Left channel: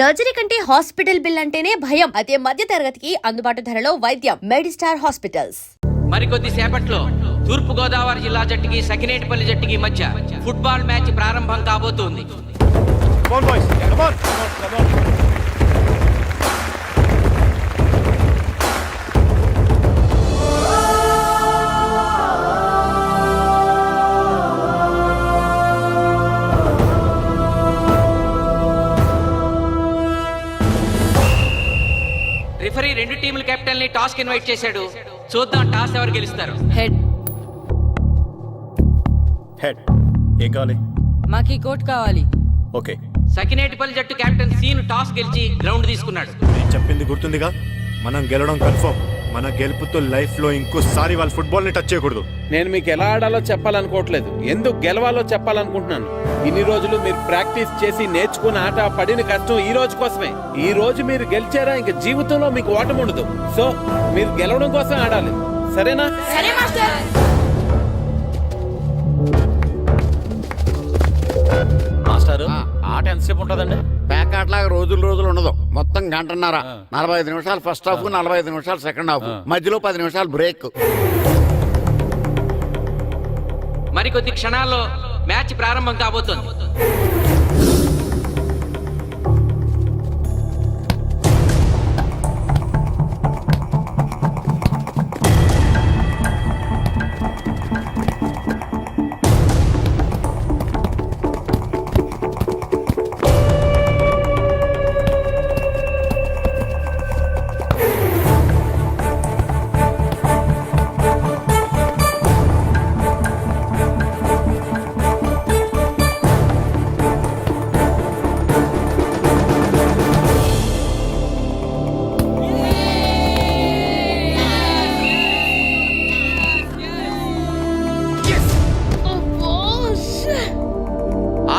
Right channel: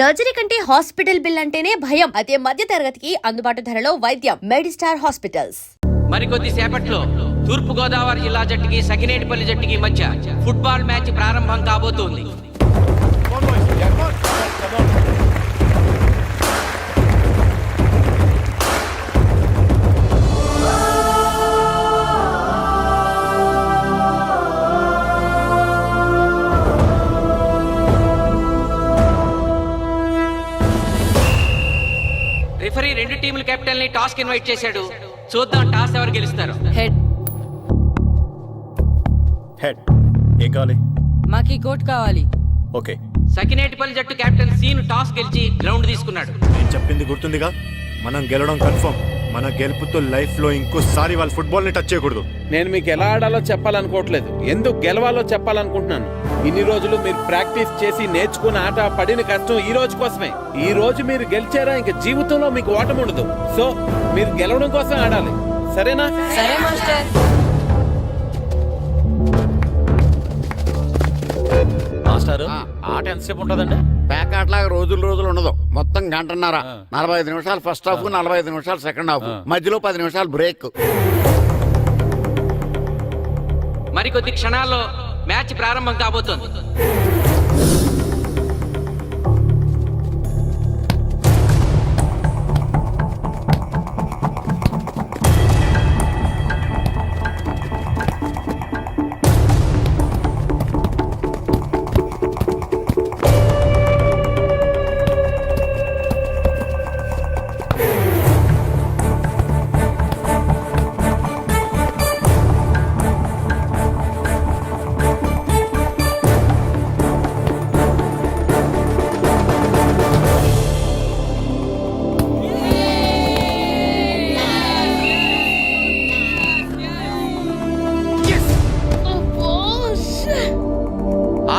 Surgery కంటే hospital bill అంటేనే భయం. అదే మధ్య తరగతికి అందుబాటు ధరలో వైద్యం. Medistar hospitals. మరికొద్ది సేపట్లో తూర్పు గోదావరి జిల్లా జట్టుకి సకినేటిపల్లి జట్టుకి మధ్య ఫుట్బాల్ మ్యాచ్ ప్రారంభం కాబోతోంది. రిఫరీ రెండు టీముల కెప్టెన్ ని టాస్ కి ఇన్వైట్ చేశాడు. చూద్దాం టాస్ ఎవరు గెలుస్తారు. హెడ్. హెడ్. ఏం కావాలి? మాకు ఈ కోట్ కావాలి. ఓకే. సకినేటిపల్లి జట్టు కెప్టెన్ సీను టాస్ గెలిచి గ్రౌండ్ తీసుకున్నాడు. నేను చెప్పింది గుర్తుందిగా, మనం గెలవడం కన్ఫర్మ్. మన గెలుపుతో లైఫ్ లో ఇంకోసారి వాళ్ళ ఫుట్బాల్ ని టచ్ చేయకూడదు. నేను మీకు ఎలా ఆడాలో చెప్పాలనుకోవట్లేదు, ఎందుకు గెలవాలో చెప్పాలనుకుంటున్నాను. ఇన్ని రోజులు మీరు ప్రాక్టీస్ చేసి నేర్చుకున్న ఆట పడిన కష్టం ఈ రోజు కోసమే. ఈ రోజు మీరు గెలిచారా ఇంక జీవితంలో మీకు ఓటం ఉండదు. సో మీరు గెలవడం కోసం ఆడాలి, సరేనా? మాస్టర్, ఆట ఎంతసేపు ఉంటుందండి? పేకాట్లాగా రోజులు ఉండదు. మొత్తం గంటన్నర. 45 నిమిషాలు ఫస్ట్ హాఫ్, 45 నిమిషాలు సెకండ్ హాఫ్, మధ్యలో 10 నిమిషాలు బ్రేక్. మరికొద్ది క్షణాల్లో మ్యాచ్ ప్రారంభం కాబోతోంది.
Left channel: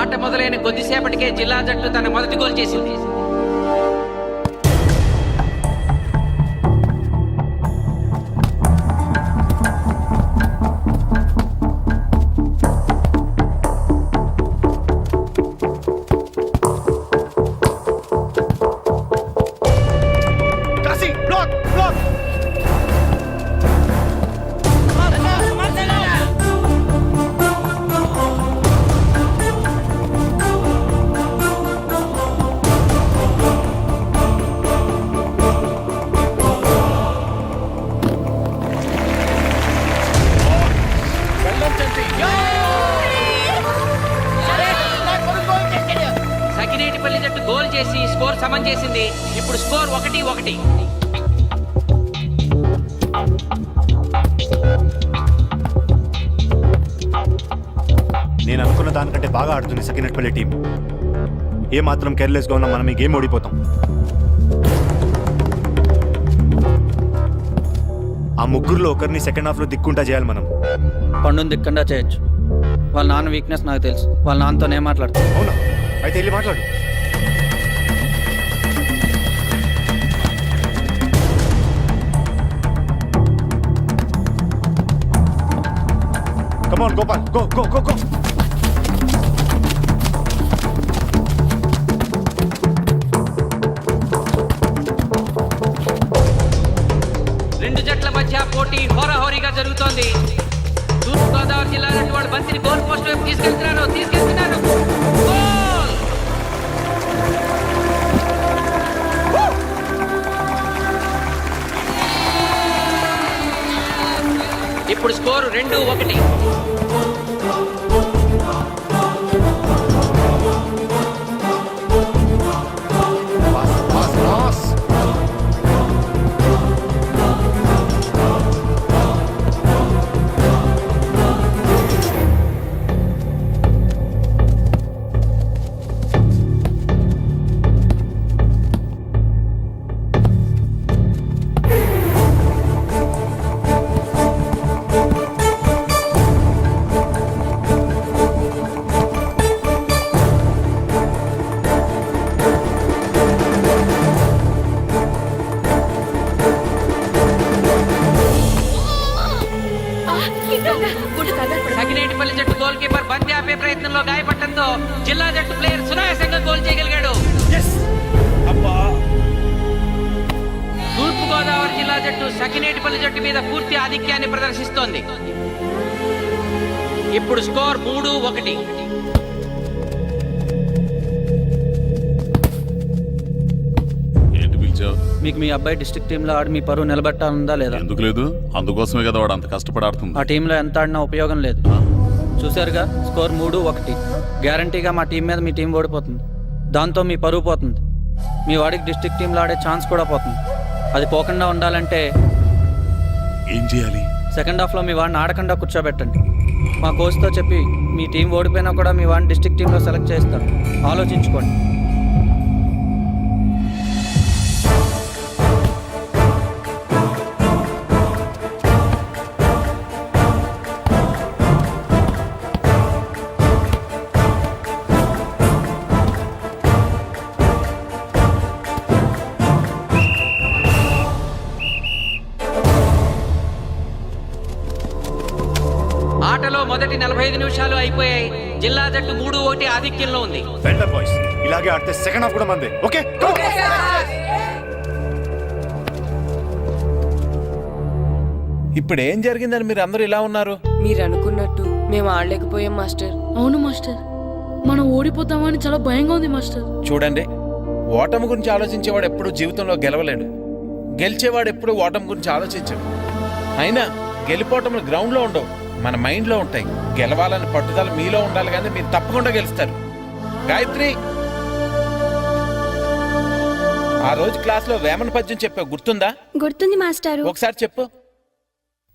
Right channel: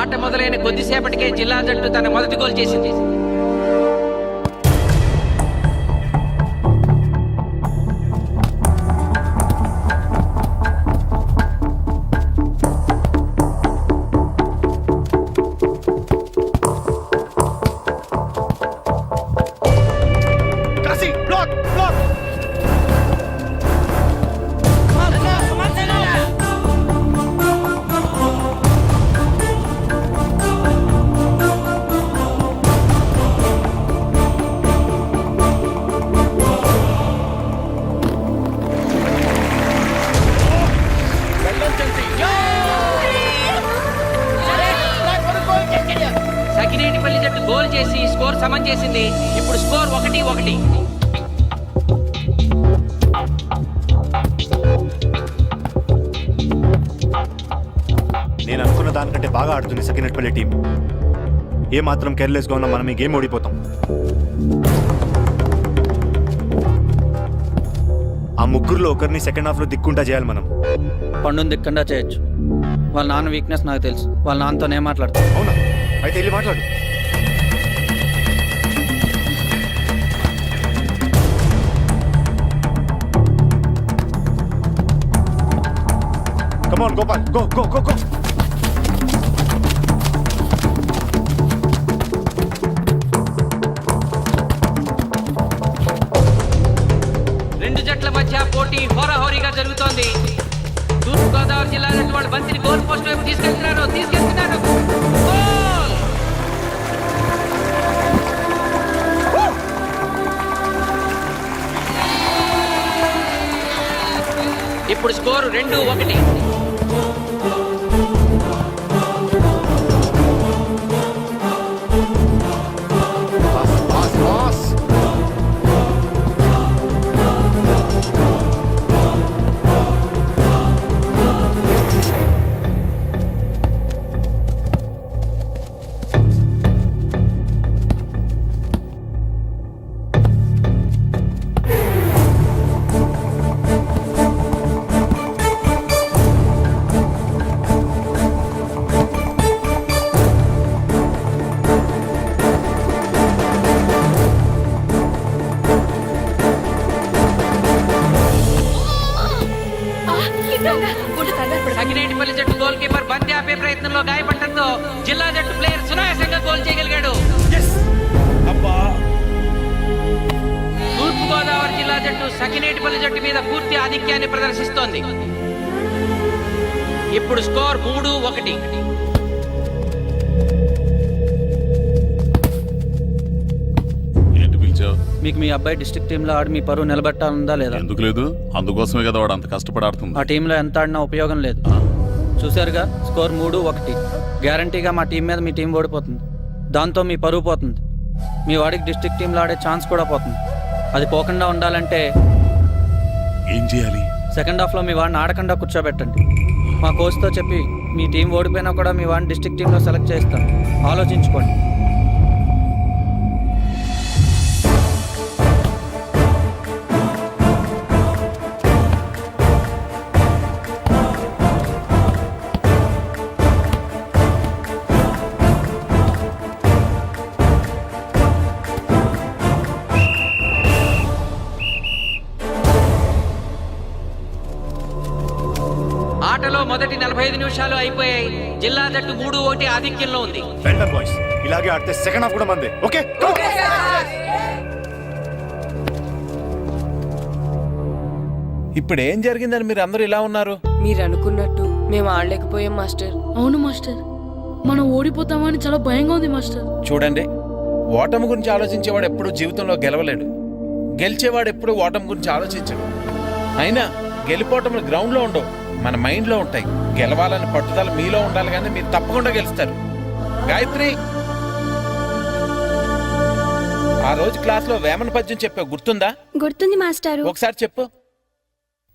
ఆట మొదలైన కొద్దిసేపటికే జిల్లా జట్టు తన మొదటి గోల్ చేసింది. సకినేటిపల్లి జట్టు గోల్ చేసి స్కోర్ సమం చేసింది. ఇప్పుడు స్కోర్ 1-1. నేను అనుకున్న దానికంటే బాగా ఆడుతుంది సకినేటిపల్లి టీం. ఏ మాత్రం కేర్లెస్ గా ఉన్నా మనం ఈ గేమ్ ఓడిపోతాం. ఆ ముగ్గురులో ఒకరిని సెకండ్ హాఫ్ లో దిక్కుంటా చేయాలి మనం. పండుని దిక్కుండా చేయొచ్చు. వాళ్ళ నాన్న వీక్నెస్ నాకు తెలుసు. వాళ్ళ నాన్నతోనే మాట్లాడతాను. అవునా? అయితే వెళ్ళి మాట్లాడు. Come on, Gopal. Go. రెండు జట్ల మధ్య పోటీ హోరాహోరీగా జరుగుతోంది. తూర్పు గోదావరి జిల్లా జట్టు వాళ్ళు బంతిని గోల్ పోస్ట్ వైపు తీసుకెళ్తున్నారు. గోల్! ఇప్పుడు స్కోరు 2-1. పాస్. సకినేటిపల్లి జట్టు గోల్ కీపర్ బంతి ఆపే ప్రయత్నంలో గాయపడటంతో జిల్లా జట్టు ప్లేయర్ సునాయాసంగా గోల్ చేయగలిగాడు. జట్టు సకినేటిపల్లి జట్టు మీద పూర్తి ఆధిక్యాన్ని ప్రదర్శిస్తోంది. ఇప్పుడు స్కోర్ 3-1. ఏంటి పిలిచావు? మీకు మీ అబ్బాయి డిస్ట్రిక్ట్ టీంలో ఆడి మీ పరువు నిలబెట్టాలందా లేదా? ఎందుకు లేదు? అందుకోసమే కదా వాడు అంత కష్టపడి ఆడుతుంది. ఆ టీంలో ఎంత ఆడినా ఉపయోగం లేదు. చూశారుగా, స్కోర్ 3-1. గ్యారంటీగా మా టీం మీద మీ టీం ఓడిపోతుంది. దాంతో మీ పరువు పోతుంది. మీ వాడికి డిస్ట్రిక్ట్ టీంలో ఆడే ఛాన్స్ కూడా పోతుంది. అది పోకుండా ఉండాలంటే ఏం చేయాలి? సెకండ్ హాఫ్లో మీ వాడిని ఆడకుండా కూర్చోబెట్టండి. మా కోచ్తో చెప్పి మీ టీం ఓడిపోయినా కూడా మీ వాడిని డిస్ట్రిక్ట్ టీంలో సెలెక్ట్ చేస్తాను. ఆలోచించుకోండి. ఆటలో మొదటి 45 నిమిషాలు అయిపోయాయి. జిల్లా జట్టు 3-1 ఆధిక్యంలో ఉంది. వెల్డన్ బాయ్స్, ఇలాగే ఆడితే సెకండ్ హాఫ్ కూడా మందే. ఓకే, ఇప్పుడు ఏం జరిగిందని మీరు అందరూ ఇలా ఉన్నారు? మీరు అనుకున్నట్టు మేము ఆడలేకపోయాం మాస్టర్. అవును మాస్టర్, మనం ఓడిపోతామని చాలా భయంగా ఉంది మాస్టర్. చూడండి, ఓటమి గురించి ఆలోచించేవాడు ఎప్పుడు జీవితంలో గెలవలేడు. గెలిచేవాడు ఎప్పుడు ఓటమి గురించి ఆలోచించడు. అయినా గెలిపోవటములు గ్రౌండ్లో ఉండవు, మన మైండ్లో ఉంటాయి. గెలవాలని పట్టుదల మీలో ఉండాలి, కానీ మీరు తప్పకుండా గెలుస్తారు. గాయత్రి, ఆ రోజు క్లాస్లో వేమన పద్యం చెప్పావు, గుర్తుందా? గుర్తుంది మాస్టారు. ఒకసారి చెప్పు.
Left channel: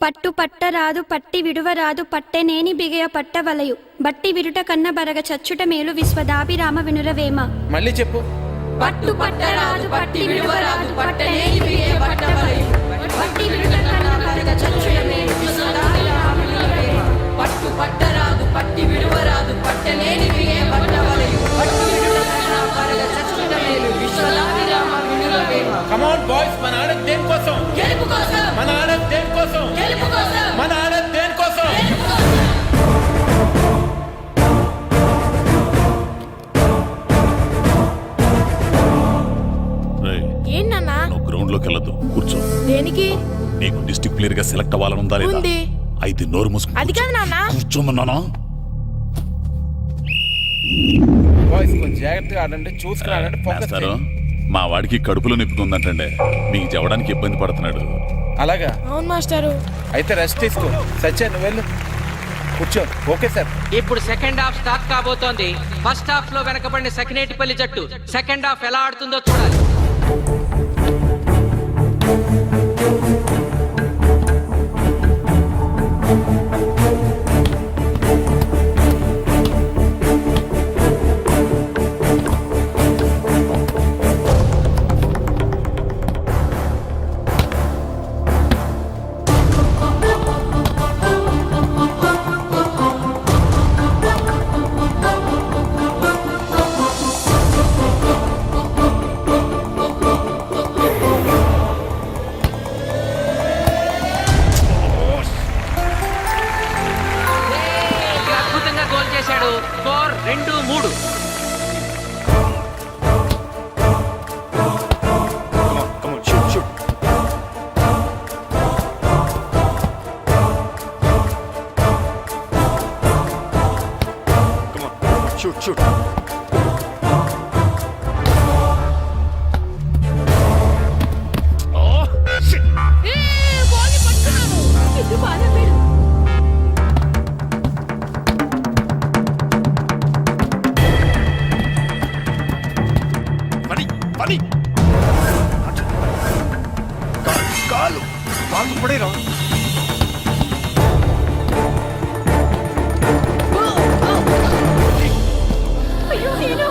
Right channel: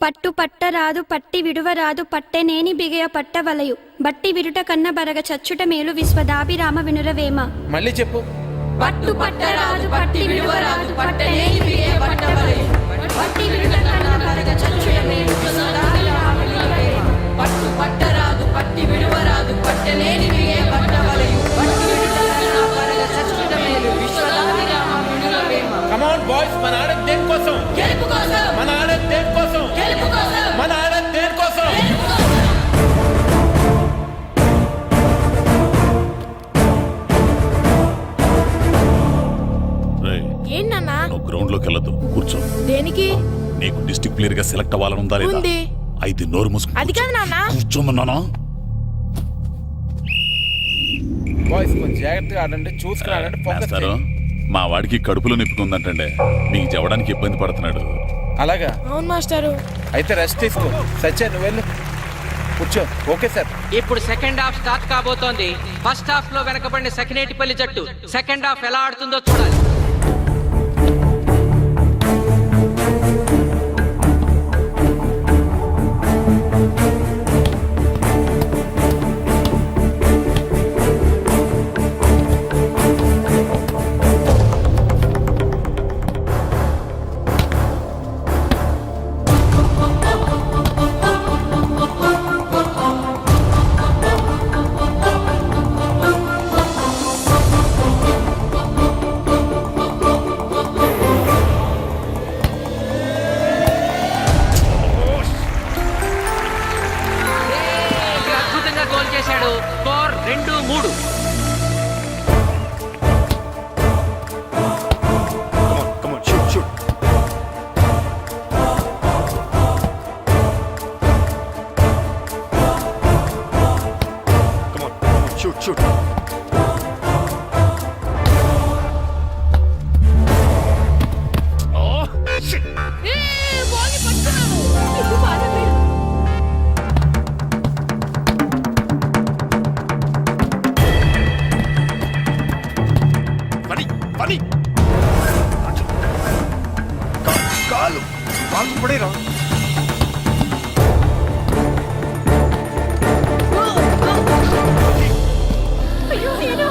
పట్టు పట్టరాదు పట్టి విడువరాదు పట్టెనేని బిగయ పట్టవలయు బట్టి విడుట కన్న బరగ చచ్చుట మేలు విశ్వదాభిరామ వినురవేమ. మళ్ళీ చెప్పు. పట్టు పట్టరాదు పట్టి విడువరాదు పట్టనేని బిగే పట్టవలయు బట్టి విడుట కన్న బరగ చచ్చుట మేలు విశ్వదాభిరామ వినురవేమ. పట్టు పట్టరాదు పట్టి విడువరాదు పట్టనేని బిగే పట్టవలయు బట్టి విడుట కన్న బరగ చచ్చుట మేలు విశ్వదాభిరామ వినురవేమ. కమ్ ఆన్ బాయ్స్, మన ఆడేది దేనికోసం? గెలుపు కోసం. మన ఆడేది దేనికోసం? గెలుపు కోసం. మన ఆడేది దేనికోసం? గెలుపు కోసం. రేయ్, ఏంటన్నా? నువ్వు గ్రౌండ్ లోకి వెళ్ళదు, కూర్చో. దేనికి? నీకు డిస్ట్రిక్ట్ ప్లేయర్ గా సెలెక్ట్ అవ్వాలని ఉందా లేదా? ఉంది. అయితే నోరు మూసుకు అది కాదు నాన్న. కూర్చోమన్నానా? బాయ్స్ కొంచెం జాగ్రత్తగా ఆడండి, చూసుకుని ఆడండి, ఫోకస్ మాస్టారు, చేయండి. మా వాడికి కడుపులో నిప్పుకుందంటండే, మీకు చెప్పడానికి ఇబ్బంది పడుతున్నాడు. అలాగా? అవును మాస్టారు. అయితే రెస్ట్ తీసుకో. సత్య, నువ్వు వెళ్ళు, కూర్చో. Okay sir. ఇప్పుడు సెకండ్ హాఫ్ స్టార్ట్ కాబోతోంది. ఫస్ట్ హాఫ్ లో వెనకబడిన సకినేటిపల్లి జట్టు సెకండ్ హాఫ్ ఎలా ఆడుతుందో చూడాలి. ఇక్కడ అద్భుతంగా గోల్ చేశాడు. Score 2-3. come on, shoot. Come on, shoot. Oh, shit. ఇది బాగా వేడు. పని కాలు పడేరా. అయ్యో నేను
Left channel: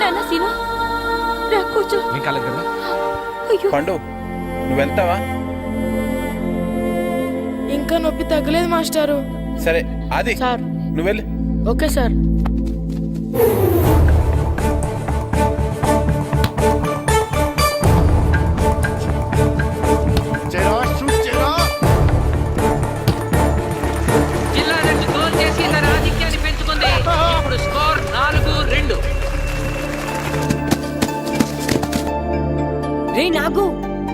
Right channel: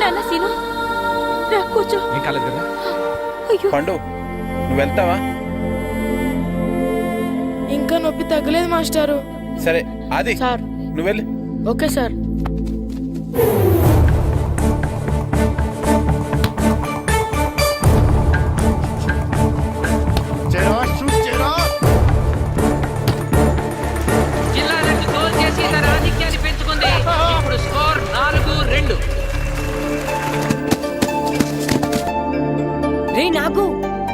నాన్న సీను రా కూర్చో. ఏం కాలేదు కదా? అయ్యో పండు, నువ్వు వెళ్తావా? ఇంకా నొప్పి తగ్గలేదు మాస్టారు. సరే, అది సార్. నువ్వు వెళ్ళు. Okay sir. షూట్ చేయరా. జిల్లా జట్టు గోల్ చేసి తన ఆధిక్యాన్ని నాగు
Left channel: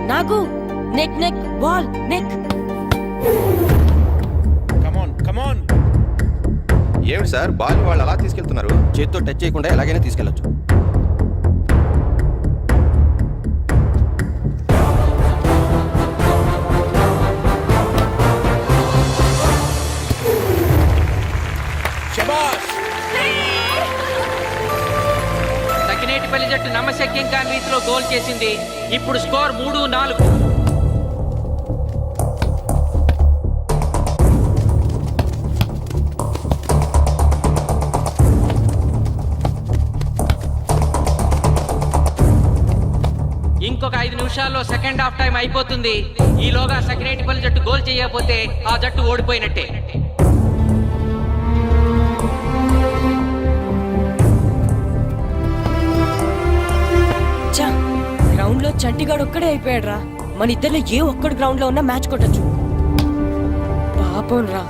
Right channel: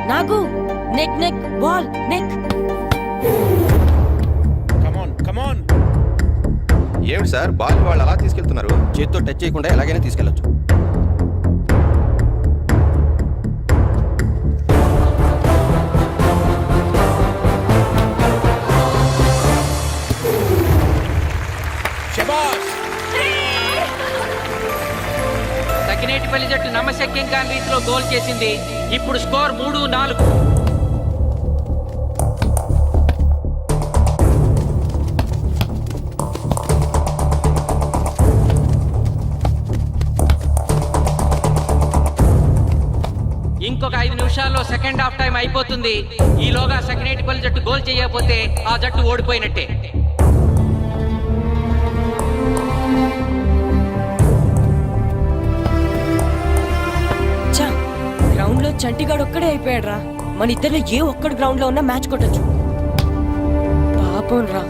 నాగు నెక్ నెక్ బాల్ నెక్. కమాన్ కమాన్. ఏమిటి సార్ బాల్ వాళ్ళు అలా తీసుకెళ్తున్నారు? చేతితో టచ్ చేయకుండా ఎలాగైనా తీసుకెళ్లొచ్చు. శబాష్. సకినేటిపల్లి జట్టు నమ్మశక్యం కాని రీతిలో గోల్ చేసింది. ఇప్పుడు స్కోర్ 3-4. ఇంకొక 5 నిమిషాల్లో సెకండ్ హాఫ్ టైం అయిపోతుంది. ఈలోగా సకినేటిపల్లి జట్టు గోల్ చేయకపోతే ఆ జట్టు ఓడిపోయినట్టే. గ్రౌండ్ లో చంటిగాడు ఒక్కడే అయిపోయాడు రా. మన ఇద్దరిలో ఏ ఒక్కడు గ్రౌండ్ లో ఉన్నా మ్యాచ్ కొట్టచ్చు. పాపం రా,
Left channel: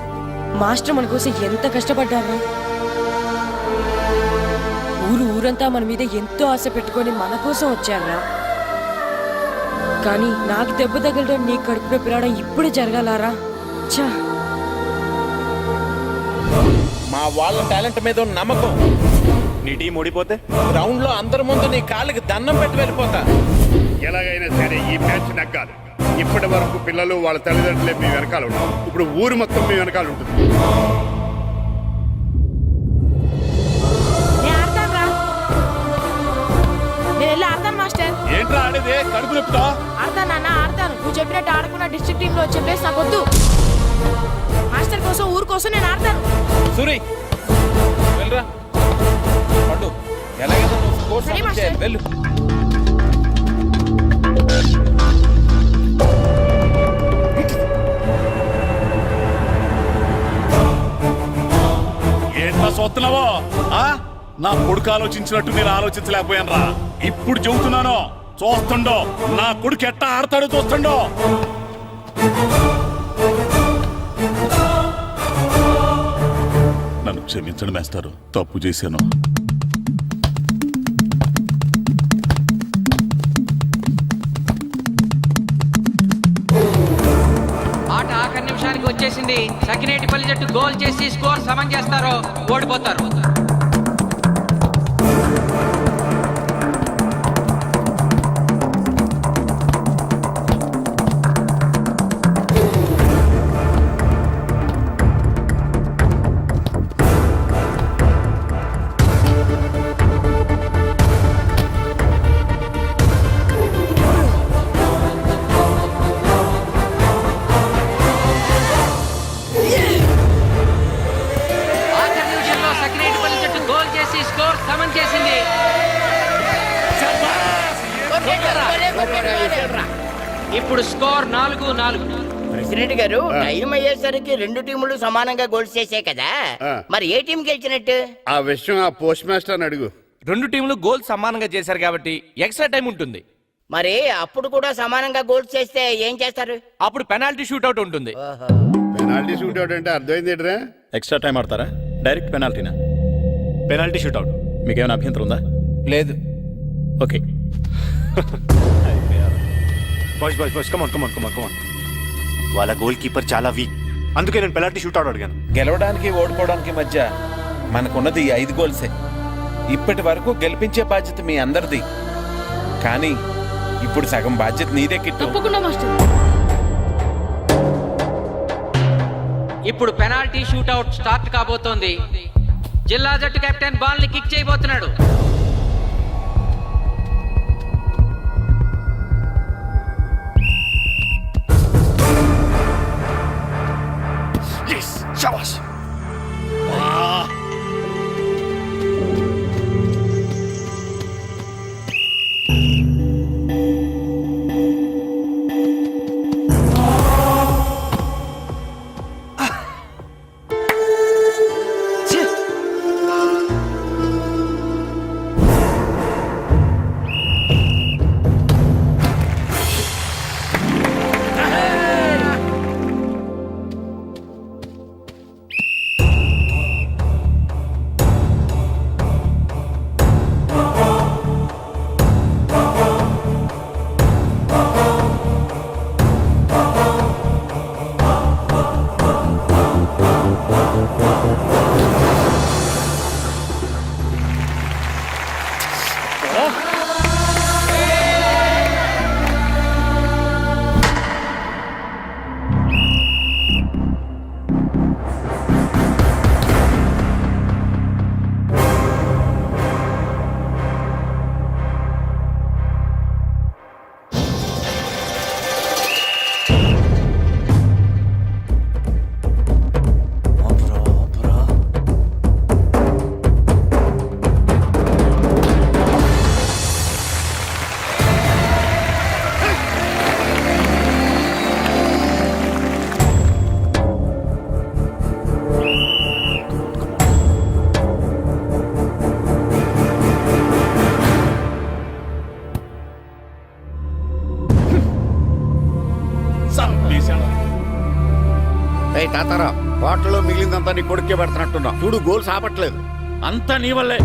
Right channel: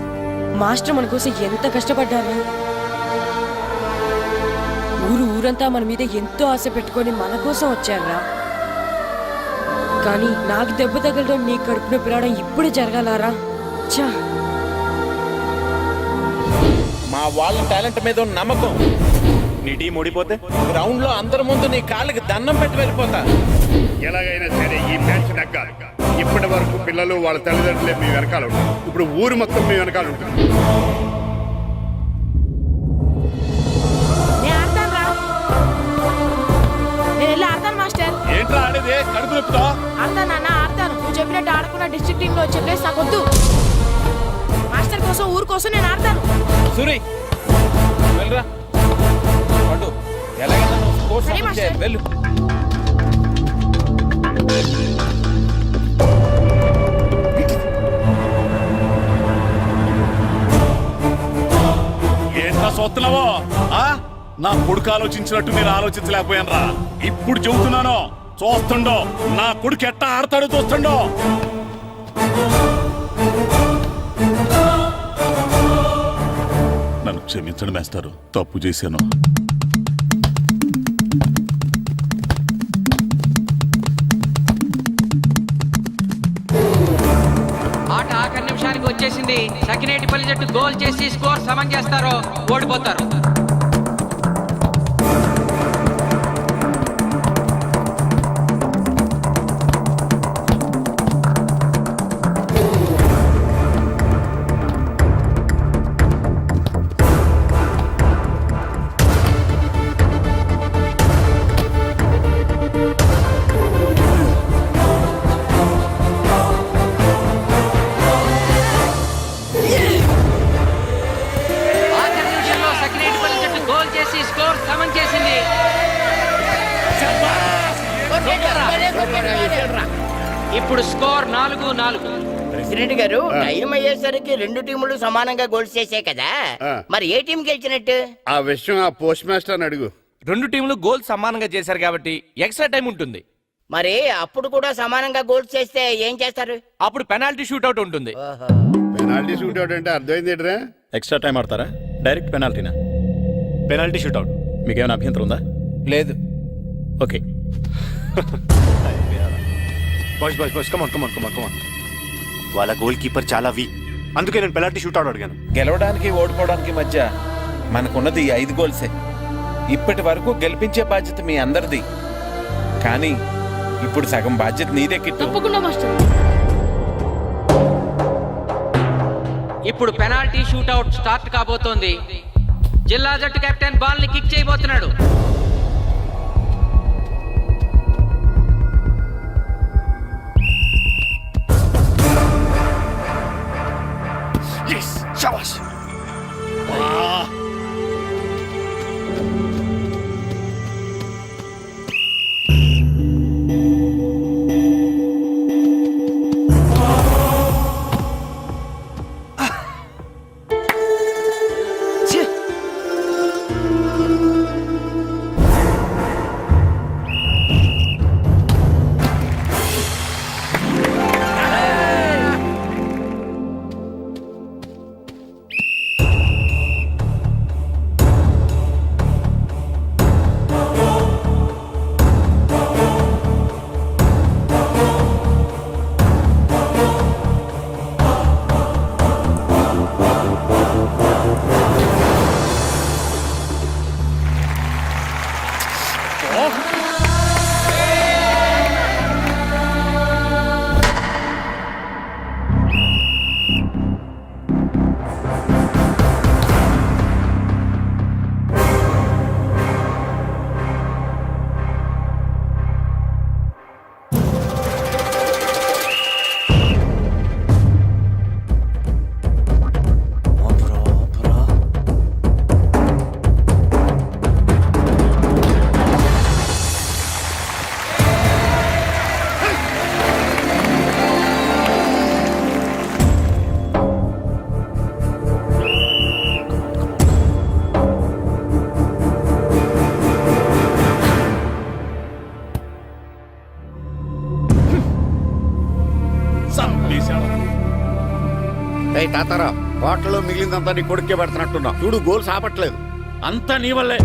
మాస్టర్ మన కోసం ఎంత కష్టపడ్డారా. ఊరంతా మన మీద ఎంతో ఆశ పెట్టుకొని మన కోసం వచ్చారా. కానీ నాకు దెబ్బ తగలడం, నీ కడుపులో పిలవడం ఇప్పుడే జరగాలారా. ఛా, మా వాళ్ళ టాలెంట్ మీద ఉన్న నమ్మకం. నీ టీం ఓడిపోతే గ్రౌండ్ లో అందరి ముందు నీ కాళ్ళకి దండం పెట్టి వెళ్ళిపోతా. ఎలాగైనా సరే ఈ మ్యాచ్ నగ్గాలి. ఇప్పటి వరకు పిల్లలు వాళ్ళ తల్లిదండ్రులే మీ వెనకాల ఉంటారు. ఇప్పుడు ఊరు మొత్తం మీ వెనకాల ఉంటుంది. నేను ఆడతాను రా. నేను వెళ్ళి ఆడతాను మాస్టర్. ఏంట్రా ఆడేది? కడుపు నొప్పుతో ఆడతాను నాన్న, ఆడతాను. నువ్వు చెప్పినట్టు ఆడకుండా డిస్ట్రిక్ట్ టీమ్ లో వచ్చే ప్లేస్ నాకు వద్దు. మాస్టర్ కోసం, ఊరు కోసం నేను ఆడతాను. సూరి వెళ్ళరా. పండు ఎలాగైనా నువ్వు స్కోర్ సరే, సమన్ చేయాలి. మాస్టర్. వెళ్ళు. ఏంట్రా చూస్తున్నావో? నా కొడుకు ఆలోచించినట్టు మీరు ఆలోచించలేకపోయాను రా. ఇప్పుడు చెబుతున్నాను, చూస్తుండో నా కొడుకు ఎట్టా ఆడతాడో చూస్తుండో. నన్ను క్షమించండి మేస్టారు, తప్పు చేశాను. ఆట ఆఖరి నిమిషానికి వచ్చేసింది. సకినేటిపల్లి జట్టు గోల్ చేసి స్కోర్ సమం చేస్తారో ఓడిపోతారు. ఆఖరి నిమిషంలో సకినేటిపల్లి జట్టు గోల్ చేసి స్కోర్ సమం చేసింది. ఇప్పుడు స్కోర్ 4-4. ప్రెసిడెంట్ గారు, టైం అయ్యేసరికి రెండు టీములు సమానంగా గోల్స్ చేసాయి కదా, మరి ఏ టీం గెలిచినట్టు? ఆ విషయం ఆ పోస్ట్ మాస్టర్ అడుగు. రెండు టీంలు గోల్ సమానంగా చేశారు కాబట్టి ఎక్స్ట్రా టైం ఉంటుంది. మరి అప్పుడు కూడా సమానంగా గోల్స్ చేస్తే ఏం చేస్తారు? అప్పుడు పెనాల్టీ షూట్అవుట్ ఉంటుంది. పెనాల్టీ షూట్ అవుట్ అంటే అర్థమైంది ఏంట్రా? ఎక్స్ట్రా టైం ఆడతారా, డైరెక్ట్ పెనాల్టీనా? Penalty shootout. మీకేమైనా అభ్యంతరం ఉందా? లేదు. Okay. Boys boys boys come on come on come on come on. వాళ్ళ గోల్ కీపర్ చాలా వీక్, అందుకే నేను పెనాల్టీ షూట్అవుట్ అడిగాను. గెలవడానికి ఓడిపోవడానికి మధ్య మనకున్నది 5 గోల్సే. ఇప్పటి వరకు గెలిపించే బాధ్యత మీ అందరిది. కానీ ఇప్పుడు సగం బాధ్యత నీదే కిట్టు. తప్పకుండా మాస్టర్. ఇప్పుడు పెనాల్టీ షూట్అవుట్ స్టార్ట్ కాబోతోంది. జిల్లా జట్టు కెప్టెన్ బాల్ ని కిక్ చేయబోతున్నాడు. శబాష్. ఏయ్ తాతారా, హోటల్లో మిగిలిందంతా నీ కొడుకే పెడుతున్నట్టున్నావు. చూడు గోల్స్ ఆపట్లేదు. అంతా నీ వల్లే.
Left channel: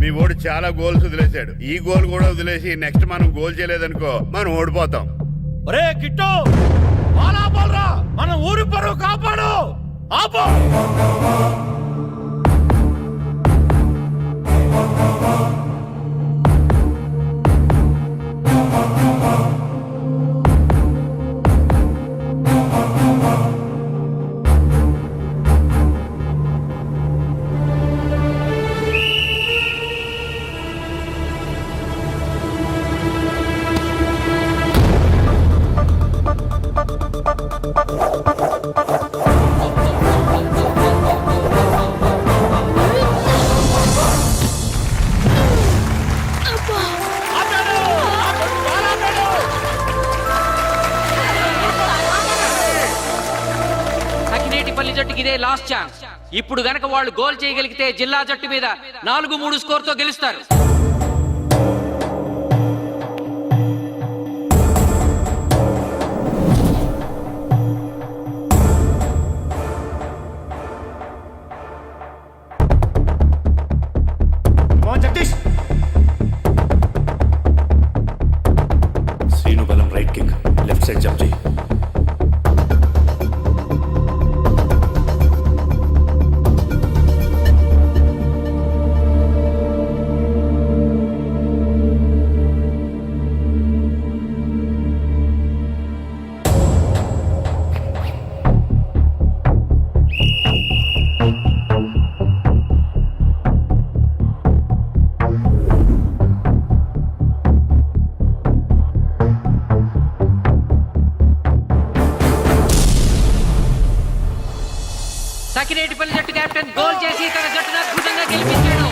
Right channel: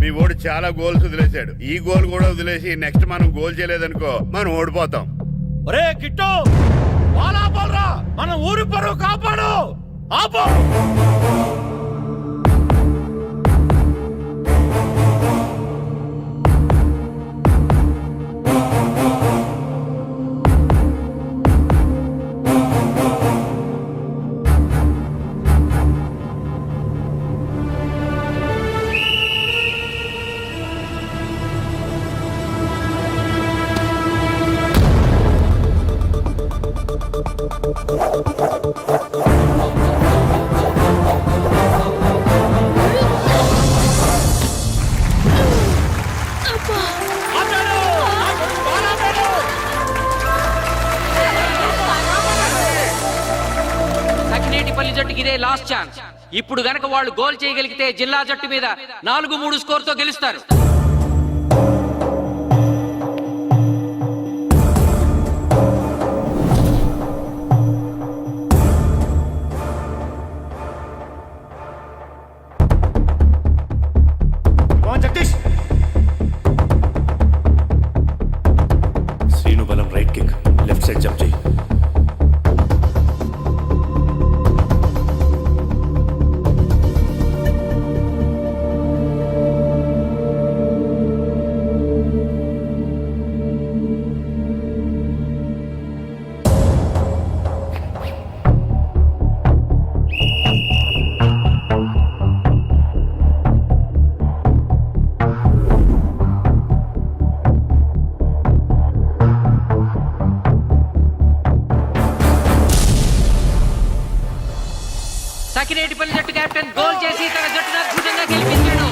మీ ఓడి చాలా గోల్స్ వదిలేశాడు. ఈ గోల్ కూడా వదిలేసి నెక్స్ట్ మనం గోల్ చేయలేదనుకో మనం ఓడిపోతాం. ఒరే కిట్టు, బాలా బాలరా, మన ఊరి పరువు కాపాడు. ఆపో. సకినేటిపల్లి జట్టుకి ఇదే లాస్ట్ ఛాన్స్. ఇప్పుడు గనక వాళ్ళు గోల్ చేయగలిగితే జిల్లా జట్టు మీద 4-3 స్కోర్తో గెలుస్తారు. జగదీష్, శ్రీను బలం right kick, left side jump చేయి. సకినేటిపల్లి జట్టు కెప్టెన్ గోల్ చేసి తన జట్టును అద్భుతంగా గెలిపించాడు.